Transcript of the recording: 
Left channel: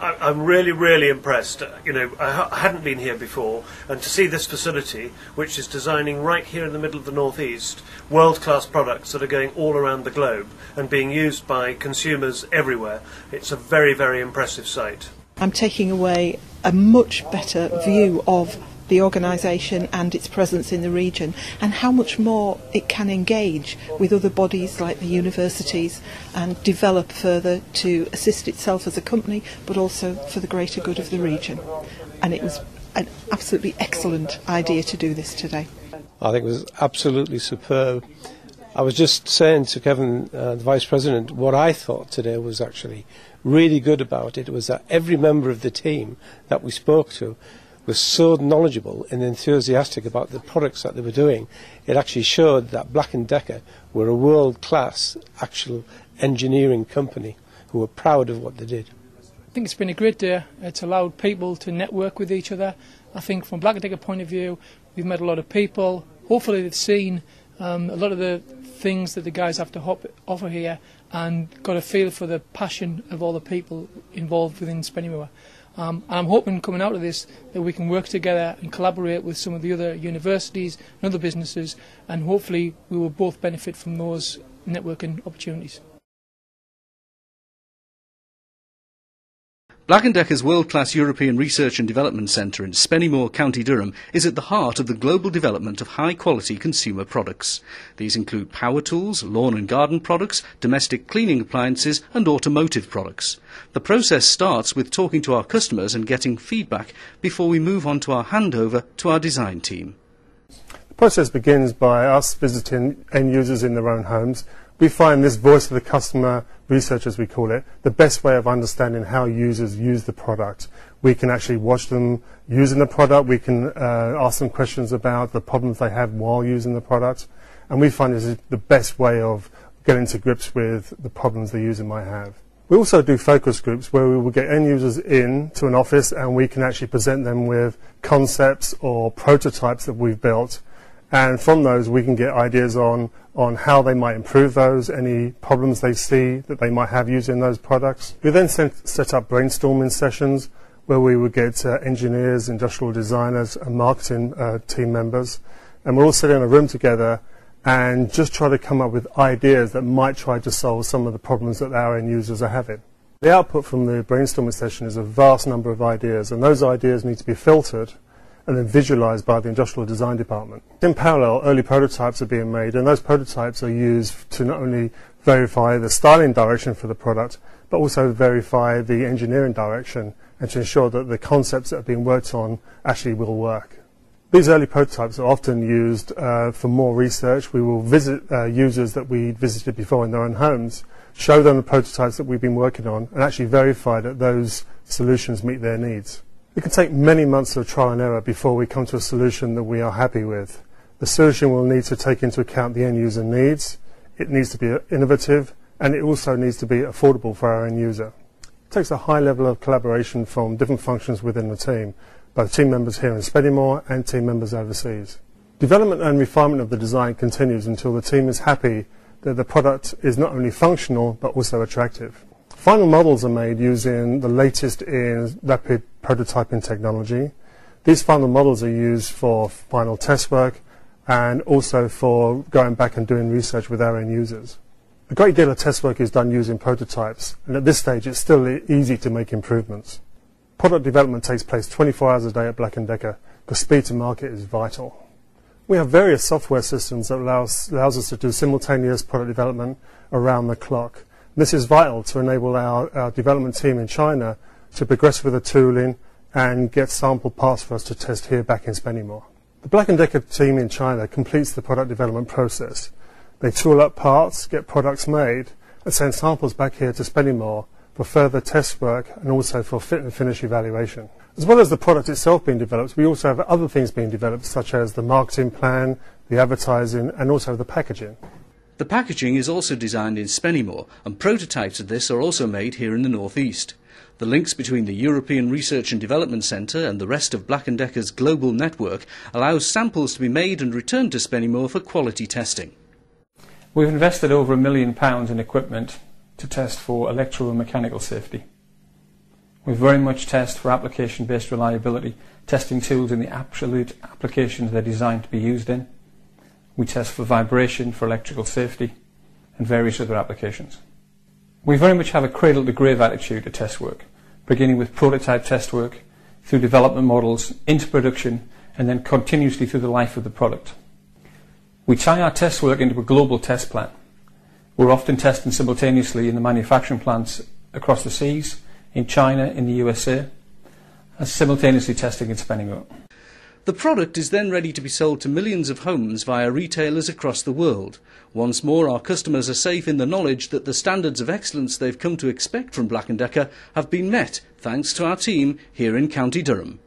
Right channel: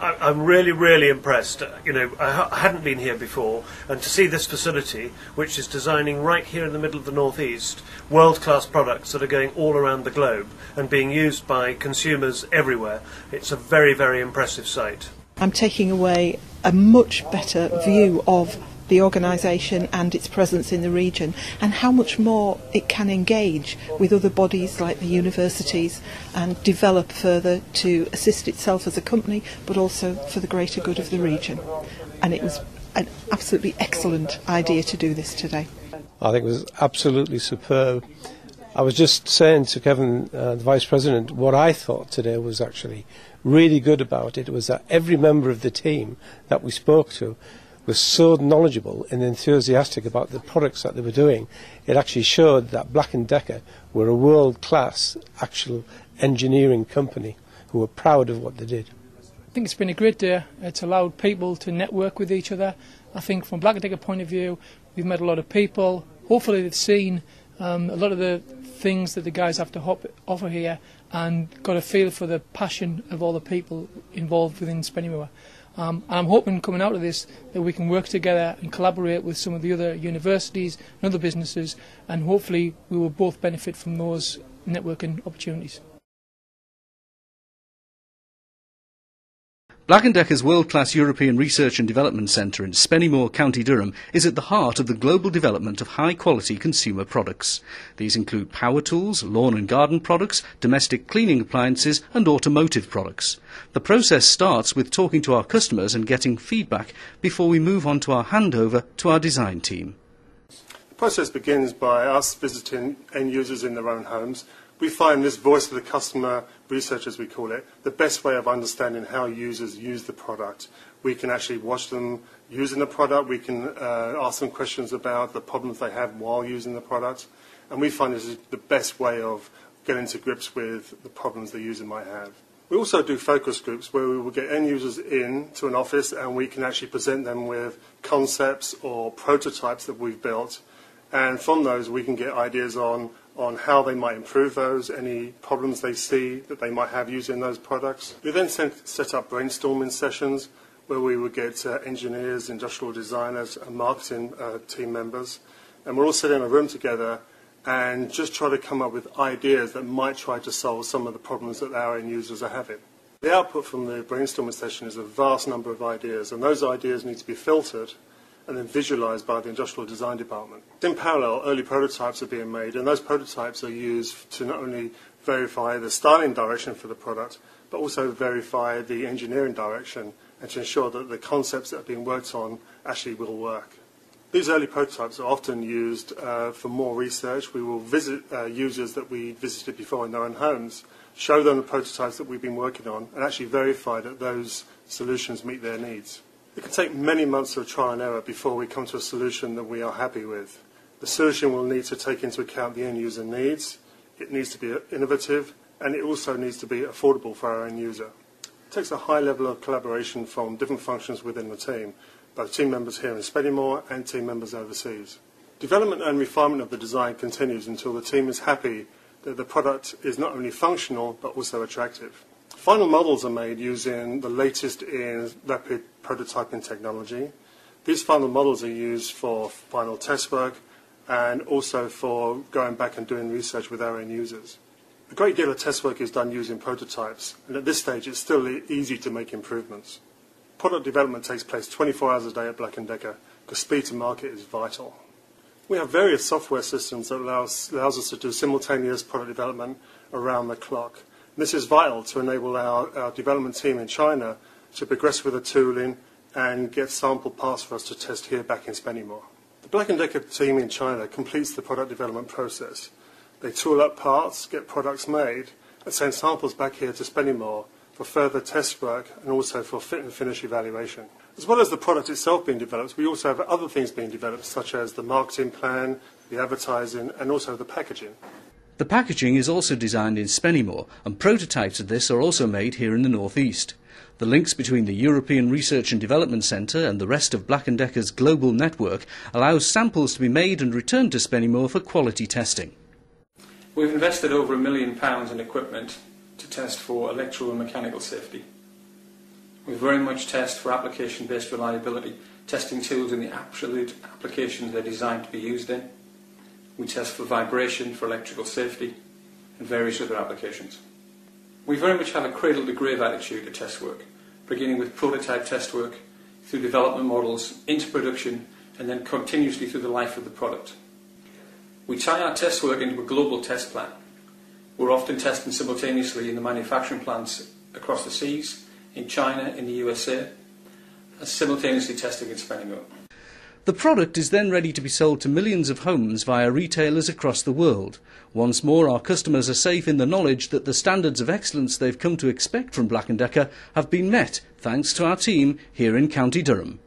I'm really, really impressed. You know, I hadn't been here before, and to see this facility, which is designing right here in the middle of the northeast, world-class products that are going all around the globe and being used by consumers everywhere, it's a very, very impressive site. I'm taking away a much better view of the organisation and its presence in the region, and how much more it can engage with other bodies like the universities and develop further to assist itself as a company, but also for the greater good of the region. And it was an absolutely excellent idea to do this today. I think it was absolutely superb. I was just saying to Kevin, the Vice President, what I thought today was actually really good about it was that every member of the team that we spoke to was so knowledgeable and enthusiastic about the products that they were doing. It actually showed that Black & Decker were a world-class actual engineering company who were proud of what they did. I think it's been a great day. It's allowed people to network with each other. I think from Black & Decker point of view, we've met a lot of people. Hopefully they've seen a lot of the things that the guys have to offer here and got a feel for the passion of all the people involved within Spennymoor. I'm hoping coming out of this that we can work together and collaborate with some of the other universities and other businesses, and hopefully we will both benefit from those networking opportunities. Black & Decker's world-class European Research and Development Centre in Spennymoor, County Durham, is at the heart of the global development of high-quality consumer products. These include power tools, lawn and garden products, domestic cleaning appliances and automotive products. The process starts with talking to our customers and getting feedback before we move on to our handover to our design team. The process begins by us visiting end users in their own homes. We find this voice of the customer research, as we call it, the best way of understanding how users use the product. We can actually watch them using the product. We can ask them questions about the problems they have while using the product. And we find this is the best way of getting to grips with the problems the user might have. We also do focus groups where we will get end users in to an office and we can actually present them with concepts or prototypes that we've built. And from those we can get ideas on how they might improve those, any problems they see that they might have using those products. We then set up brainstorming sessions where we would get engineers, industrial designers and marketing team members, and we're all sitting in a room together and just try to come up with ideas that might try to solve some of the problems that our end users are having. The output from the brainstorming session is a vast number of ideas, and those ideas need to be filtered and then visualised by the industrial design department. In parallel, early prototypes are being made, and those prototypes are used to not only verify the styling direction for the product, but also verify the engineering direction and to ensure that the concepts that are being worked on actually will work. These early prototypes are often used for more research. We will visit users that we visited before in their own homes, show them the prototypes that we've been working on, and actually verify that those solutions meet their needs. It can take many months of trial and error before we come to a solution that we are happy with. The solution will need to take into account the end user needs, it needs to be innovative, and it also needs to be affordable for our end user. It takes a high level of collaboration from different functions within the team, both team members here in Spennymoor and team members overseas. Development and refinement of the design continues until the team is happy that the product is not only functional but also attractive. Final models are made using the latest in rapid prototyping technology. These final models are used for final test work and also for going back and doing research with our end users. A great deal of test work is done using prototypes, and at this stage it's still easy to make improvements. Product development takes place 24 hours a day at Black & Decker because speed to market is vital. We have various software systems that allows us to do simultaneous product development around the clock. This is vital to enable our development team in China to progress with the tooling and get sample parts for us to test here back in Spennymoor. The Black & Decker team in China completes the product development process. They tool up parts, get products made, and send samples back here to Spennymoor for further test work and also for fit and finish evaluation. As well as the product itself being developed, we also have other things being developed, such as the marketing plan, the advertising, and also the packaging. The packaging is also designed in Spennymoor, and prototypes of this are also made here in the northeast. The links between the European Research and Development Centre and the rest of Black & Decker's global network allows samples to be made and returned to Spennymoor for quality testing. We've invested over £1 million in equipment to test for electrical and mechanical safety. We very much test for application-based reliability, testing tools in the absolute applications they're designed to be used in. We test for vibration, for electrical safety, and various other applications. We very much have a cradle-to-grave attitude to test work, beginning with prototype test work, through development models, into production, and then continuously through the life of the product. We tie our test work into a global test plan. We're often testing simultaneously in the manufacturing plants across the seas, in China, in the USA, and simultaneously testing in Spennymoor. The product is then ready to be sold to millions of homes via retailers across the world. Once more, our customers are safe in the knowledge that the standards of excellence they've come to expect from Black & Decker have been met, thanks to our team here in County Durham.